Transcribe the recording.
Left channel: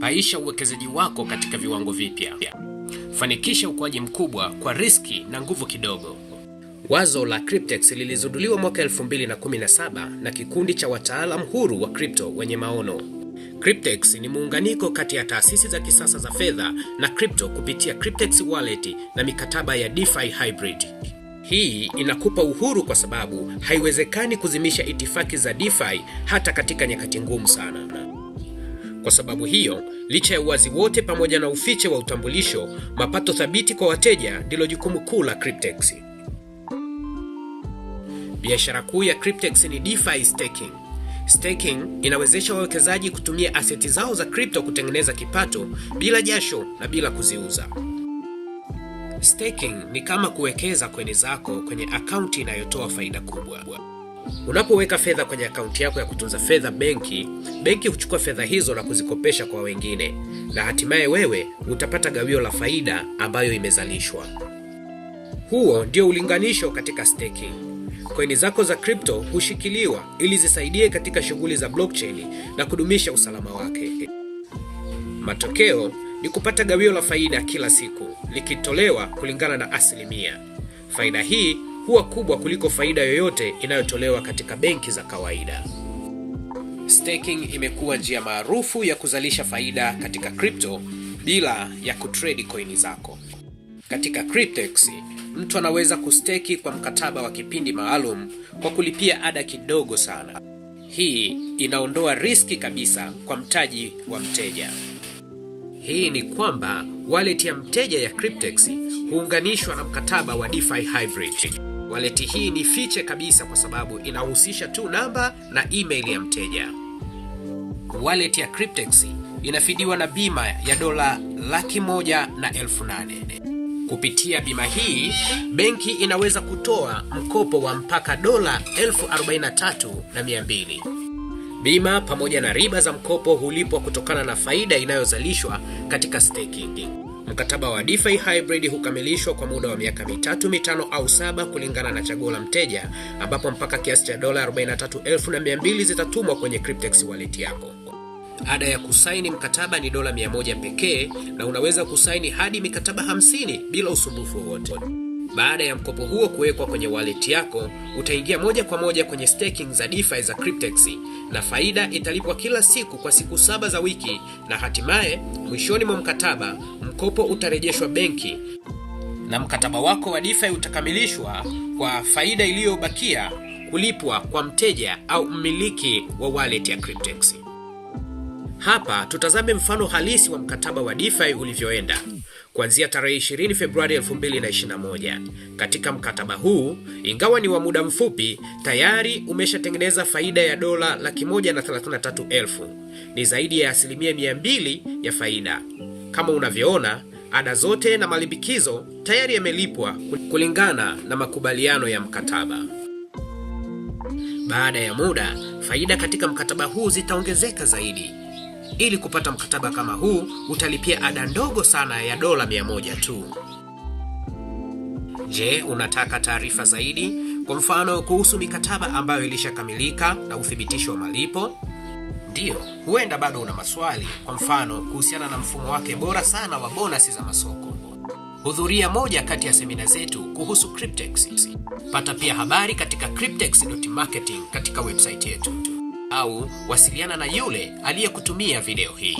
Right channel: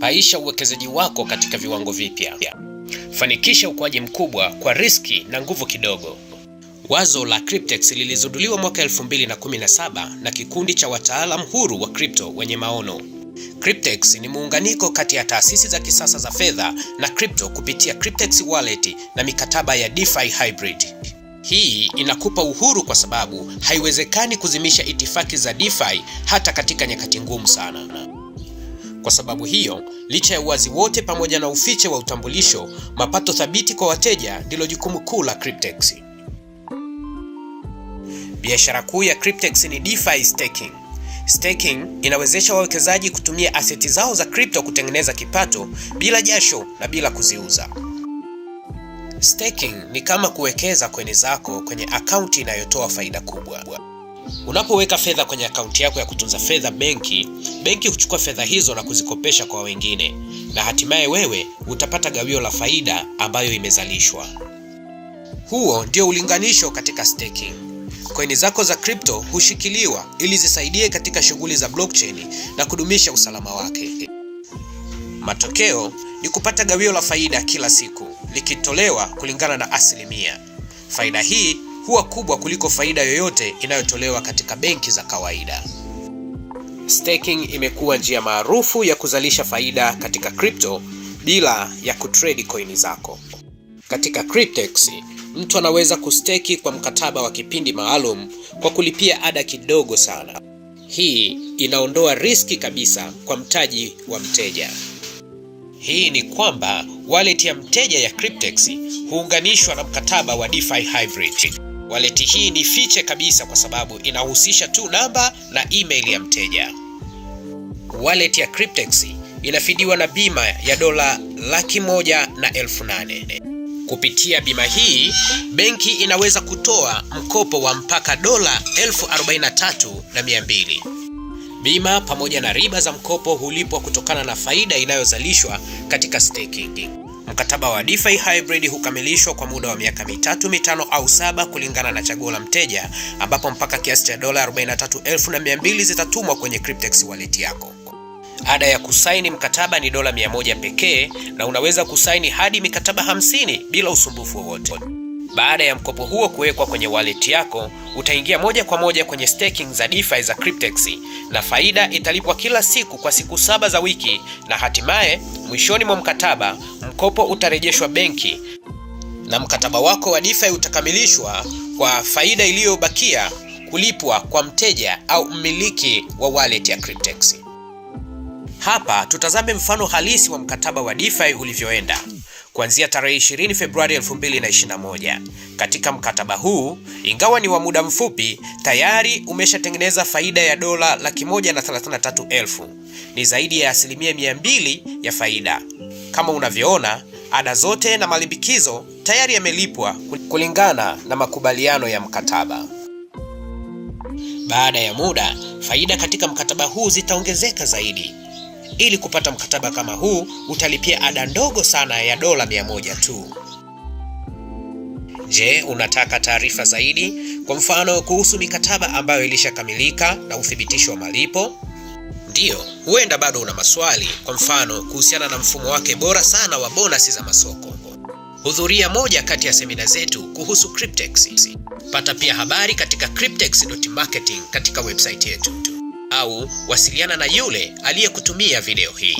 Paisha uwekezaji wako katika viwango vipya. Fanikisha ukuaji mkubwa kwa riski na nguvu kidogo. Wazo la Cryptex lilizinduliwa mwaka 2017 na kikundi cha wataalamu huru wa crypto wenye maono. Cryptex ni muunganiko kati ya taasisi za kisasa za fedha na crypto kupitia Cryptex Wallet na mikataba ya DeFi Hybrid. Hii inakupa uhuru kwa sababu haiwezekani kuzimisha itifaki za DeFi hata katika nyakati ngumu sana. Kwa sababu hiyo, licha ya uwazi wote pamoja na ufiche wa utambulisho, mapato thabiti kwa wateja ndilo jukumu kuu la Cryptex. Biashara kuu ya Cryptex ni DeFi Staking. Staking inawezesha wawekezaji kutumia aseti zao za crypto kutengeneza kipato bila jasho na bila kuziuza. Staking ni kama kuwekeza coin zako kwenye akaunti inayotoa faida kubwa. Unapoweka fedha kwenye akaunti yako ya kutunza fedha benki huchukua fedha hizo na kuzikopesha kwa wengine, na hatimaye wewe utapata gawio la faida ambayo imezalishwa. Huo ndio ulinganisho katika staking. Coin zako za crypto hushikiliwa ili zisaidie katika shughuli za blockchain na kudumisha usalama wake. Matokeo ni kupata gawio la faida kila siku, likitolewa kulingana na asilimia. Faida hii huwa kubwa kuliko faida yoyote inayotolewa katika benki za kawaida. Staking imekuwa njia maarufu ya kuzalisha faida katika crypto bila ya kutrade coin zako. Katika Cryptex, mtu anaweza kusteki kwa mkataba wa kipindi maalum kwa kulipia ada kidogo sana. Hii inaondoa riski kabisa kwa mtaji wa mteja. Hii ni kwamba wallet ya mteja ya Cryptex huunganishwa na mkataba wa DeFi Hybrid. Wallet hii ni fiche kabisa kwa sababu inahusisha tu namba na email ya mteja. Wallet ya Cryptex inafidiwa na bima ya $108,000. Kupitia bima hii, benki inaweza kutoa mkopo wa mpaka $43,200. Bima pamoja na riba za mkopo hulipwa kutokana na faida inayozalishwa katika staking. Mkataba wa DeFi Hybrid hukamilishwa kwa muda wa miaka 3, 5 au 7 kulingana na chaguo la mteja, ambapo mpaka kiasi cha $43,200 zitatumwa kwenye Cryptex wallet yako. Ada ya kusaini mkataba ni $100 pekee, na unaweza kusaini hadi mikataba 50 bila usumbufu wowote. Baada ya mkopo huo kuwekwa kwenye wallet yako, utaingia moja kwa moja kwenye staking za DeFi za Cryptex, na faida italipwa kila siku kwa siku 7 za wiki, na hatimaye mwishoni mwa mkataba mkopo utarejeshwa benki na mkataba wako wa DeFi utakamilishwa kwa faida iliyobakia kulipwa kwa mteja au mmiliki wa wallet ya Cryptex. Hapa tutazame mfano halisi wa mkataba wa DeFi ulivyoenda. Kuanzia tarehe 20 Februari 2021. Katika mkataba huu, ingawa ni wa muda mfupi, tayari umeshatengeneza faida ya $133,000. Ni zaidi ya 200% ya faida. Kama unavyoona, ada zote na malimbikizo tayari yamelipwa kulingana na makubaliano ya mkataba. Baada ya muda, faida katika mkataba huu zitaongezeka zaidi. Ili kupata mkataba kama huu, utalipia ada ndogo sana ya $100 tu. Je, unataka taarifa zaidi? Kwa mfano kuhusu mikataba ambayo ilishakamilika na uthibitisho wa malipo? Ndiyo, huenda bado una maswali, kwa mfano kuhusiana na mfumo wake bora sana wa bonus za masoko. Hudhuria moja kati ya semina zetu kuhusu Cryptex. Pata pia habari katika cryptex.marketing katika website yetu, au wasiliana na yule aliyekutumia video hii.